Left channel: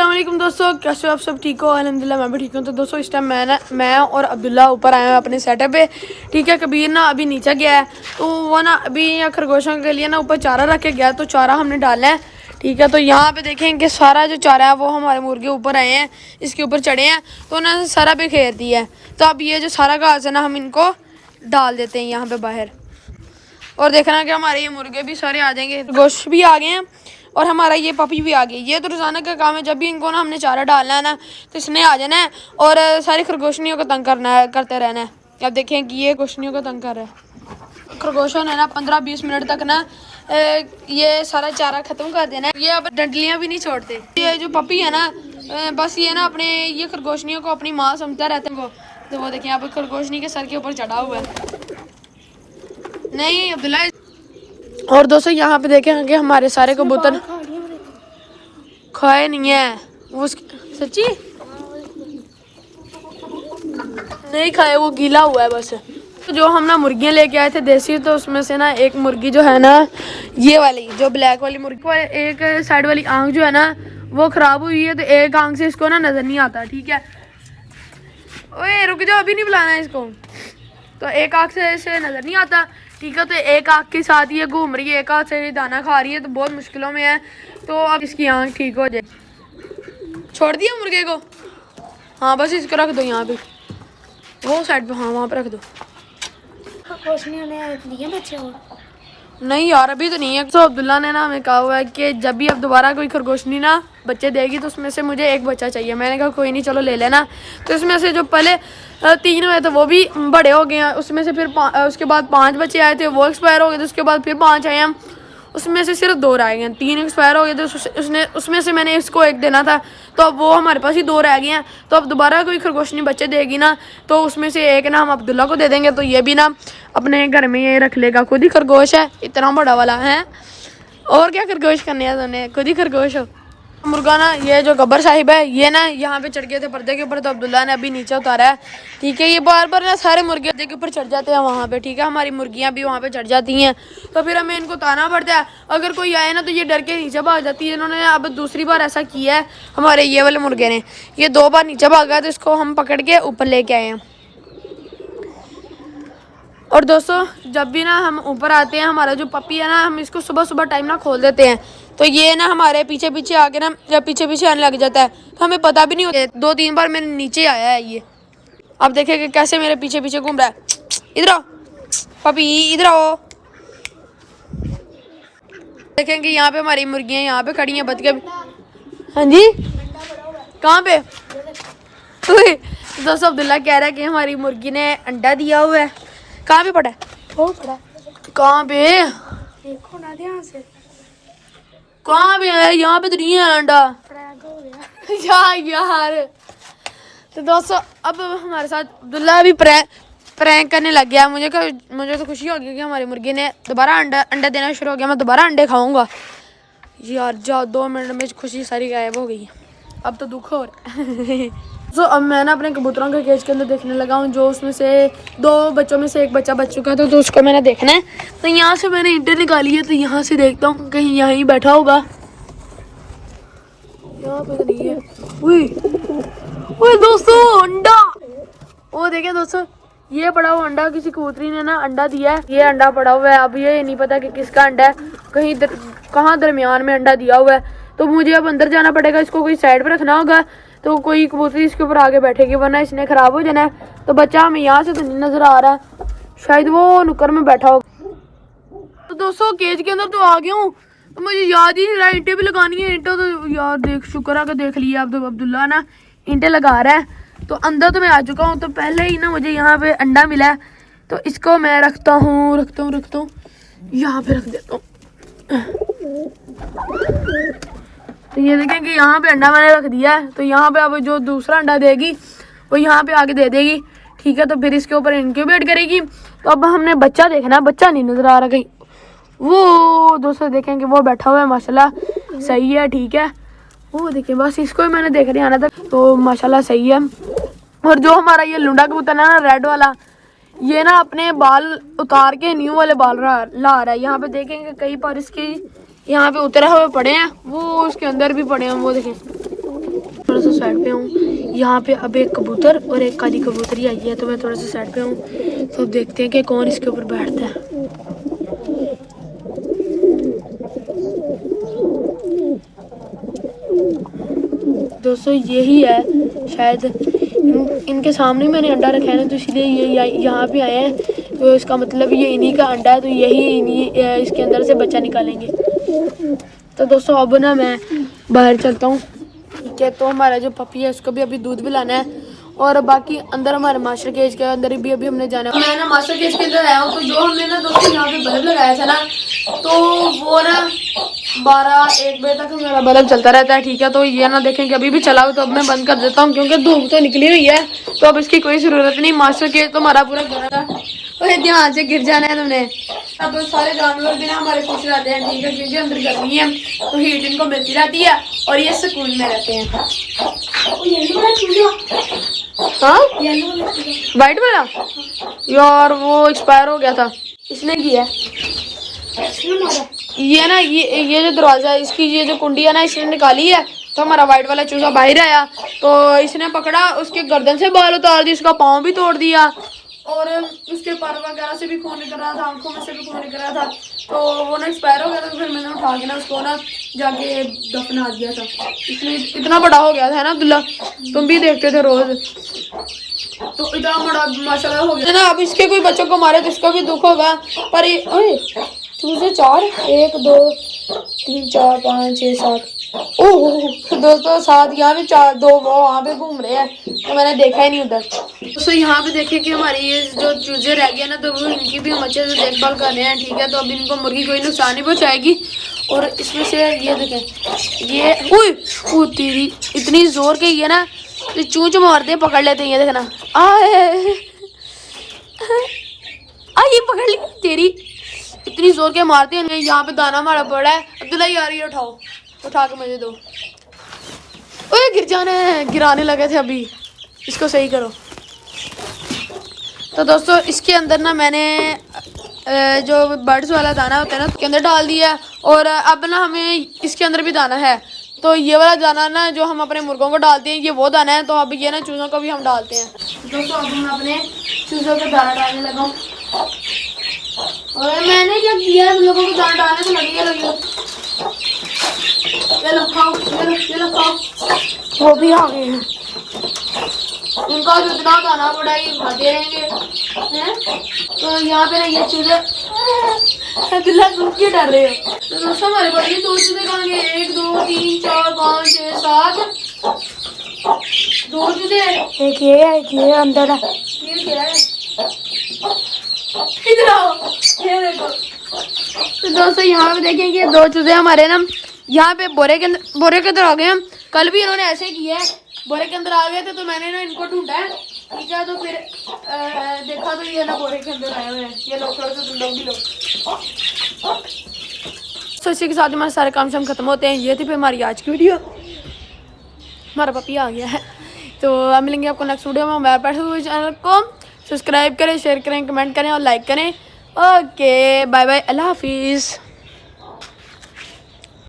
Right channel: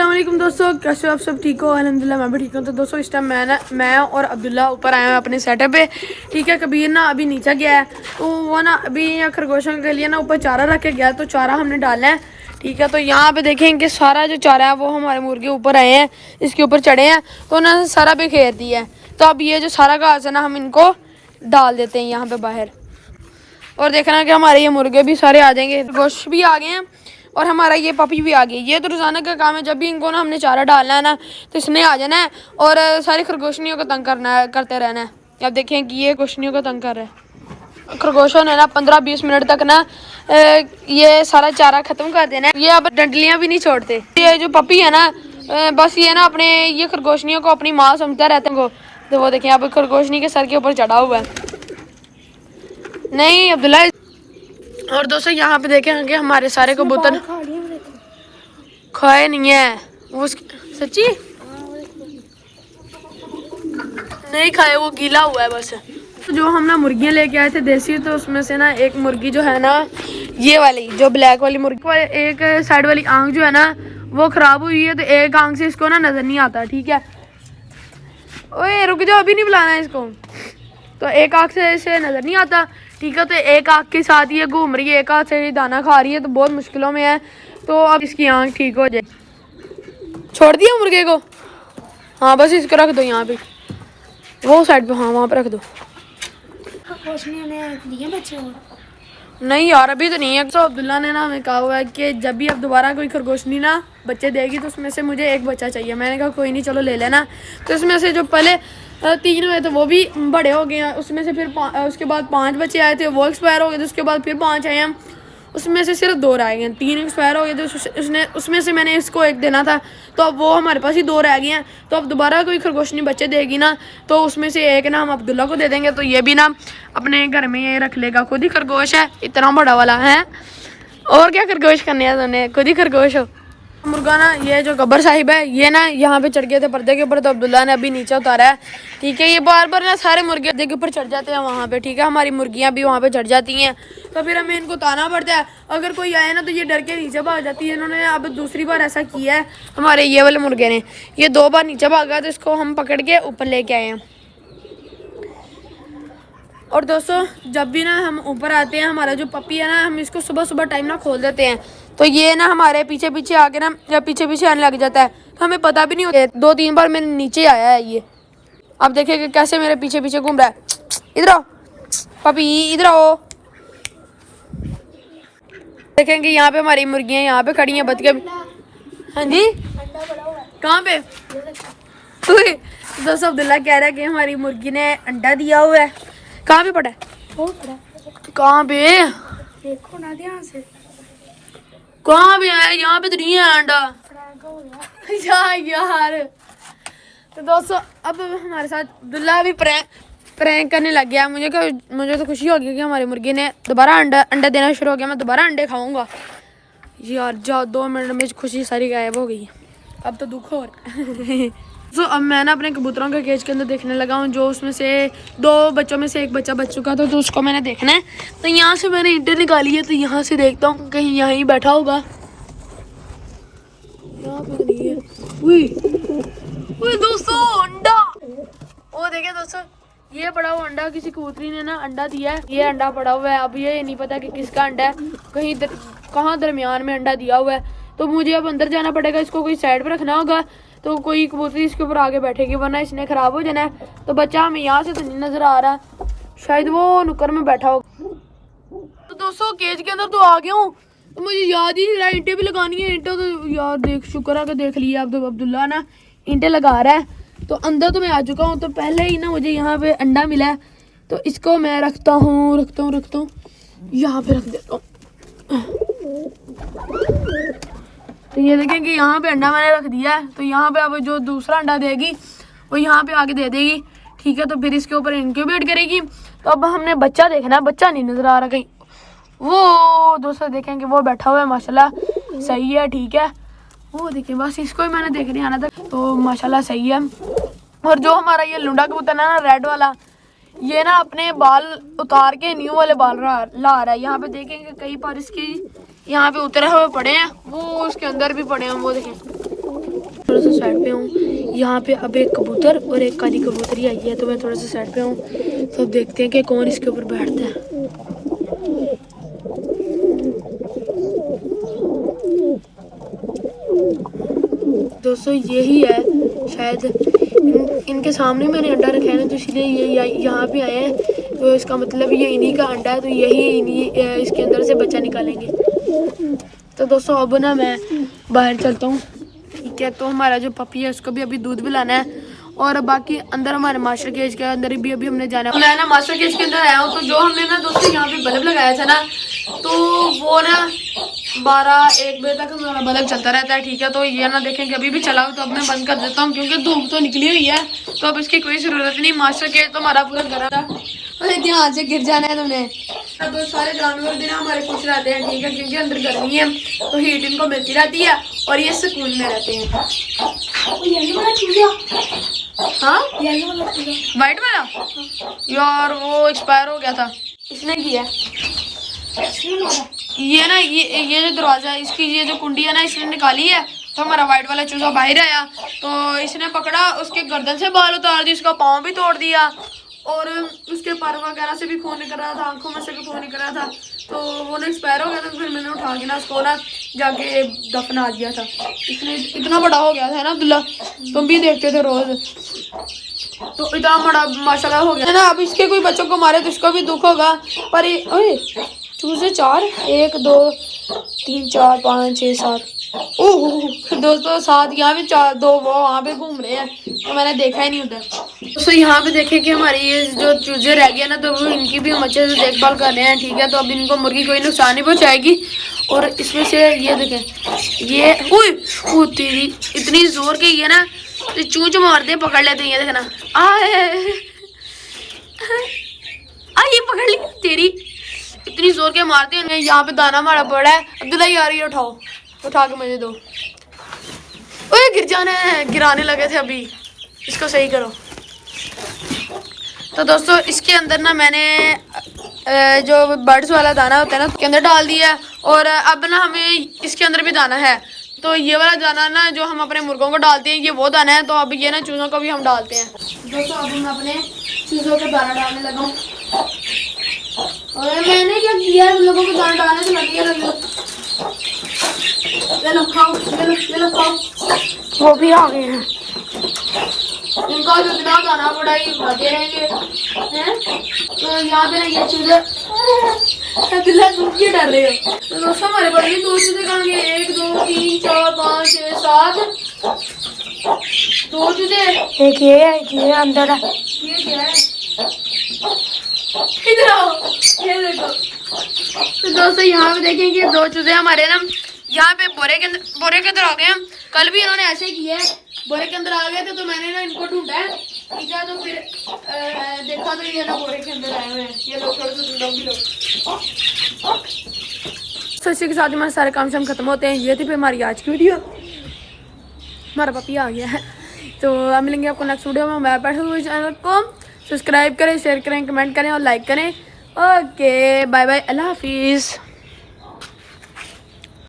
अस्सलाम वालेकुम दोस्तों, कैसे हो आप सब? ठीक हो? अल्हम्दुलिल्लाह मैं भी ठीक हूँ। तो दोस्तों इस टाइम मैं और अब्दुल्ला ऊपर आए हैं अपने सेटअप पे। ठीक है, कबीर ना अभी नीचे गया है, तो वो ना अभी खरगोशों के लिए ना ऊपर चारा रख के गया, तो चारा हमने डालना है। ठीक है, तो यहाँ पे देखें कि सारा जो चारा है वो हमारे मुर्गे ऊपर आए हैं, इसके ऊपर चढ़े हैं, तो उन्होंने सारा बिखेर दिया है। तो अब ये जो सारा घास है ना हम इनको डाल देते हैं यहाँ पे बाहर, और देखना कि हमारे ये मुर्गे भी सारे आ जाएंगे, गोश्त भी आ गए हैं और हमारा ये पपी भी आ गई। ये तो रोज़ाना का काम है, जब भी इनको ना हमने चारा डालना है ना तो इसने आ जाना है और सारी खरगोशनियों को तंग करते रहना है। अब देखें कि ये गोशनियों को तंग कर रहा है। खरगोशों ने ना 15-20 मिनट तक ना ये सारा चारा ख़त्म कर देना है। ये अब डंडलियाँ भी नहीं छोड़ते। ये जो पपी है ना बस ये ना अपने ये खरगोशनियों को अपनी माँ समझता रहता है। तो वो देखें अब खरगोशनी के सर के ऊपर चढ़ा हुआ है। नहीं अब्दुल्ला। और दोस्तों यहाँ पे देखें कि हमारे सारे कबूतर खाए नहीं है वो, सच्ची नहीं खाए, वो गीला हुआ है बस। तो जो हम ना मुर्गियाँ लेके आए थे देसी, तो उसमें से ना एक मुर्गी जो है ना ये वाली जो ब्लैक वाली मुर्गी, एक साइड वाली आंख जो है ना वो खराब हुई है, तो एक आंख से इसको ना नजर नहीं आता। ठीक है, ओए रुक जाओ, अभी नहीं बुलाना है इसको। तो एक आंख से इसे नजर नहीं आता। ठीक है, तो एक आंख के साथ ये घूम रही है, एक आंख से दाना खा रही है, तो बहुत मुश्किलों में है। तो अब इसकी आंख ठीक हो जाए। छोड़ दिया मुर्गे को? हाँ बस इसको रख दो यहाँ पे, वो साइड पे, हाँ वहाँ पे रख दो। बच्चे नहीं यार अभी तो नहीं है। तो अब्दुल्ला ने ना हमें कहा हुआ है कि जब भी अब दोबारा कोई खरगोशनी ना बच्चे देगी तो उसमें से मुझे एक बच्चा चाहिए। मैंने कहा कोई नहीं, चलो ले लेना। तो इसमें से जो पहले 3 हुए थे वो भी बड़े हो गए हैं, उसमें से फिर उसके बाद 5 बच्चे आए थे, वो एक्सपायर हो गए थे। उसके बाद फिर 5 आए हैं, उसमें से सिर्फ 2 रह गए हैं, 3 एक्सपायर हो गए थे। उसमें से मैंने इसको एक देना था, तो अब वो हमारे पास ही 2 रह गए हैं। तो अब दोबारा कोई खरगोशनी बच्चे देगी ना तो उसमें से एक ना हम अब्दुल्ला को दे देंगे, तो ये भी ना अपने घर में ये रख लेगा। खुद ही खरगोश है, इतना बड़ा वाला है, और क्या खरगोश करने हैं तुमने, खुद ही खरगोश हो। मुर्गा ना ये जो गब्बर साहिब है ये ना यहाँ पे चढ़ गए थे पर्दे के ऊपर, तो अब्दुल्ला ने अभी नीचे उतारा है। ठीक है, ये बार बार ना सारे मुर्गे पर्दे के ऊपर चढ़ जाते हैं वहाँ पे। ठीक है, हमारी मुर्गियाँ भी वहाँ पे चढ़ जाती हैं, तो फिर हमें इनको ताना पड़ता है। अगर कोई आए ना तो ये डर के नीचे भाग जाती है। इन्होंने अब दूसरी बार ऐसा किया है हमारे ये वाले मुर्गे ने, ये 2 बार नीचे भागा, तो इसको हम पकड़ के ऊपर लेके आए हैं। और दोस्तों जब भी ना हम ऊपर आते हैं, हमारा जो पपी है ना हम इसको सुबह सुबह टाइम ना खोल देते हैं, तो ये ना हमारे पीछे पीछे आके ना जब पीछे आने लग जाता है, तो हमें पता भी नहीं होता। 2-3 बार मेरे नीचे आया है ये। अब देखें कि कैसे मेरे पीछे पीछे घूम रहा है। इधर आओ पपी, इधर आओ। देखेंगे यहाँ पे हमारी मुर्गियाँ यहाँ पे खड़ी हैं बच के। हाँ जी, कहाँ पे? दोस्तों अब्दुल्ला कह रहा है कि हमारी मुर्गी ने अंडा दिया हुआ है। कहाँ पे पड़ा है? कहाँ पे? देखो ना ध्यान से। कहाँ पे है? यहाँ पे तो नहीं है अंडा। यार तो दोस्तों अब हमारे साथ अब्दुल्ला भी प्रैंक करने लग गया। मुझे तो खुशी हो गई कि हमारी मुर्गी ने दोबारा अंडा देना शुरू हो गया। मैं दोबारा अंडे खाऊंगा यार। जाओ 2 मिनट में खुशी सारी गायब हो गई। अब तो दुख हो रहा है। तो अब मैं ना अपने कबूतरों के केज के अंदर देखने लगा हूँ, जो उसमें से 2 बच्चों में से एक बच्चा बच चुका था, तो उसको मैंने देखना है। तो यहाँ से मैंने ईंटें निकाली है, तो यहाँ से देखता हूँ कहीं यहाँ ही बैठा होगा। यहाँ पे तो नहीं है। ओए दोस्तों अंडा, वो देखें दोस्तों, ये पड़ा हुआ अंडा किसी कबूतरी ने ना अंडा दिया है। ये अंडा पड़ा हुआ है, अब ये नहीं पता कि किसका अंडा है, कहीं कहाँ दरमियान में अंडा दिया हुआ है। तो मुझे अब अंदर जाना पड़ेगा, इसको कोई साइड पे रखना होगा, तो कोई कबूतरी इसके ऊपर आगे बैठेगी, वरना इसने खराब हो जाना है। तो बच्चा हमें यहाँ से तो नहीं नजर आ रहा, शायद वो नुक्कर में बैठा होगा। तो दोस्तों केज के अंदर तो आ गया हूँ, तो मुझे याद ही नहीं रहा ईंटें भी लगानी है। ईंटें तो यार शुक्र है कि देख लिया। अब तो अब्दुल्ला ना ईंटें लगा रहा है, तो अंदर तो मैं आ चुका हूँ। तो पहले ही ना मुझे यहाँ पे अंडा मिला है, तो इसको मैं रखता हूँ यहाँ पे रख देता हूँ। तो ये देखें कि यहाँ पे अंडा मैंने रख दिया है, तो यहाँ पे अब जो दूसरा अंडा देगी वो यहाँ पे आके दे देगी। ठीक है, तो फिर इसके ऊपर इंक्यूबेट करेगी। तो अब हमने बच्चा देखना है, बच्चा नहीं नजर आ रहा कहीं। वो दोस्तों देखें कि वो बैठा हुआ है, माशाल्लाह सही है। ठीक है, वो देखिए बस इसको ही मैंने देख रहे आना था, तो माशाल्लाह सही है। और जो हमारा ये लुंडा कबूतर है ना रेड वाला, ये ना अपने बाल उतार के न्यू वाले बाल ला रहा है। यहाँ पे देखेंगे कई बार इसके यहाँ पे उतरे हुए पड़े हैं, वो उसके अंदर भी पड़े हैं, वो देखें यहाँ पे अब एक कबूतर और एक काली कबूतरी आई है, तो मैं थोड़ा सा साइड पे हूँ, तो देखते हैं कि कौन इसके ऊपर बैठता है। दोस्तों यही है शायद, इनके सामने मैंने अंडा रखा है ना, तो इसलिए ये यहाँ पे आए हैं, तो इसका मतलब ये इन्हीं का अंडा है, तो यही इन्हीं इसके अंदर से बच्चा निकालेंगे। तो दोस्तों अब ना मैं बाहर चलता हूँ, ठीक है। तो हमारा जो पपी है उसको भी अभी दूध भी लाना है, और बाकी अंदर हमारे मास्टर केज के अंदर भी अभी हमने जाना है। मैं ना मास्टर केज के अंदर आया हूँ, तो जो हमने ना दोस्तों यहाँ पे बल्ब लगाया था ना, तो वो ना 12-1 बजे तक हमारा बल्ब चलता रहता है, ठीक है। तो ये ना देखें कि अभी भी चला हो, तो अब मैं बंद कर देता हूँ, क्योंकि धूप तो निकली हुई है, तो अब इसकी कोई ज़रूरत नहीं। मास्टर केज तो हमारा पूरा घर था, ध्यान से गिर जाना है तुमने। अब सारे जानवर भी ना हमारे खुश रहते हैं, ठीक है, क्योंकि अंदर गर्मी है, तो हीट इनको मिलती रहती है और ये सुकून में रहते हैं। हाँ वाइट वाला यार वो एक्सपायर हो गया था, इसने किया ये ना, ये जो दरवाजा है इसकी, ये जो कुंडी है ना, इसने निकाली है, तो हमारा वाइट वाला चूजा बाहर आया, तो इसने पकड़ा, उसके गर्दन से बाल उतार दिए, उसका पाँव भी तोड़ दिया, और उसके पर वगैरह से भी खून निकल रहा था, आंखों में से भी खून निकल रहा था, तो वो ना एक्सपायर हो गया था। तो फिर मैंने उठा के ना उसको ना जाके दफना दिया था। इसलिए इतना बड़ा हो गया था ना अब्दुल्ला, तुम भी देखते थे रोज, तो इतना बड़ा माशाल्लाह हो गया ना। अब इसके कोई बच्चों को मारे तो इसको भी दुख होगा, पर ये ओए चूजे 4, 1 2 3 4 5 6 7, ओह दोस्तों 7 यहाँ पे, 4 2 वो वहाँ पे घूम रहे हैं, तो मैंने देखा ही नहीं उधर। दोस्तों यहाँ पे देखें कि हमारी ये जो चूजे रह गए ना, तो वो इनकी भी हम अच्छे से देखभाल कर रहे हैं, ठीक है। तो अब इनको मुर्गी कोई नुकसान नहीं पहुँचाएगी, और इसमें से ये देखें, ये ओ तेरी इतनी जोर के ये ना चूच मारते हैं, पकड़ लेते हैं, ये देखना ये पकड़ लिया, तेरी इतनी जोर के मारते हैं। यहाँ पे दाना हमारा पड़ा है, अब्दुल्ला यार ये उठाओ, उठा के मुझे दो। ओए गिर जाने, गिराने लगे थे अभी, इसको सही करो। तो दोस्तों इसके अंदर ना मैंने जो बर्ड्स वाला दाना होता है ना, उसके अंदर डाल दिया है, और अब ना हमें इसके अंदर भी दाना है, तो ये वाला दाना ना जो हम अपने मुर्गों को डालते हैं, ये वो दाना है, तो अब ये ना चूज़ों को भी हम डालते हैं। दोस्तों अब हम अपने चूज़ों को दाना डालने लगा हूँ, और मैंने क्या किया, लोगों को दाना डालने से लगी है, ये लो खाओ, ये लो खाओ, वो भी आ गए हैं। इनका जितना दाना पड़ा ही खाते रहेंगे हैं। तो यहाँ पे ना ये चूजे दूध क्यों डर रहे हो, तो दोस्तों हमारे बड़े दो चूजे करेंगे, 1 2 3 4 5 6 7, 2 चूजे, एक ये अंदर है, ये क्या है, इधर आओ, ये देखो। तो दोस्तों यहाँ पे देखेंगे 2 चूजे हमारे ना यहाँ पे बोरे के अंदर आ गए हैं। कल भी इन्होंने ऐसे ही किया है, बोरे के अंदर आ गए थे, तो मैंने ना इनको ढूंढा है, ठीक है। तो फिर देखा तो ये ना बोरे के अंदर आए हुए हैं, ये लोग तो इसी के साथ हमारे सारे काम शाम खत्म होते हैं। ये थी फिर हमारी आज की वीडियो, हमारा पपी आ गया है, तो अब मिलेंगे आपको नेक्स्ट वीडियो में। मैं बैठे हुए चैनल को सब्सक्राइब करें, शेयर करें, कमेंट करें और लाइक करें। ओके बाय बाय, अल्लाह हाफिज़।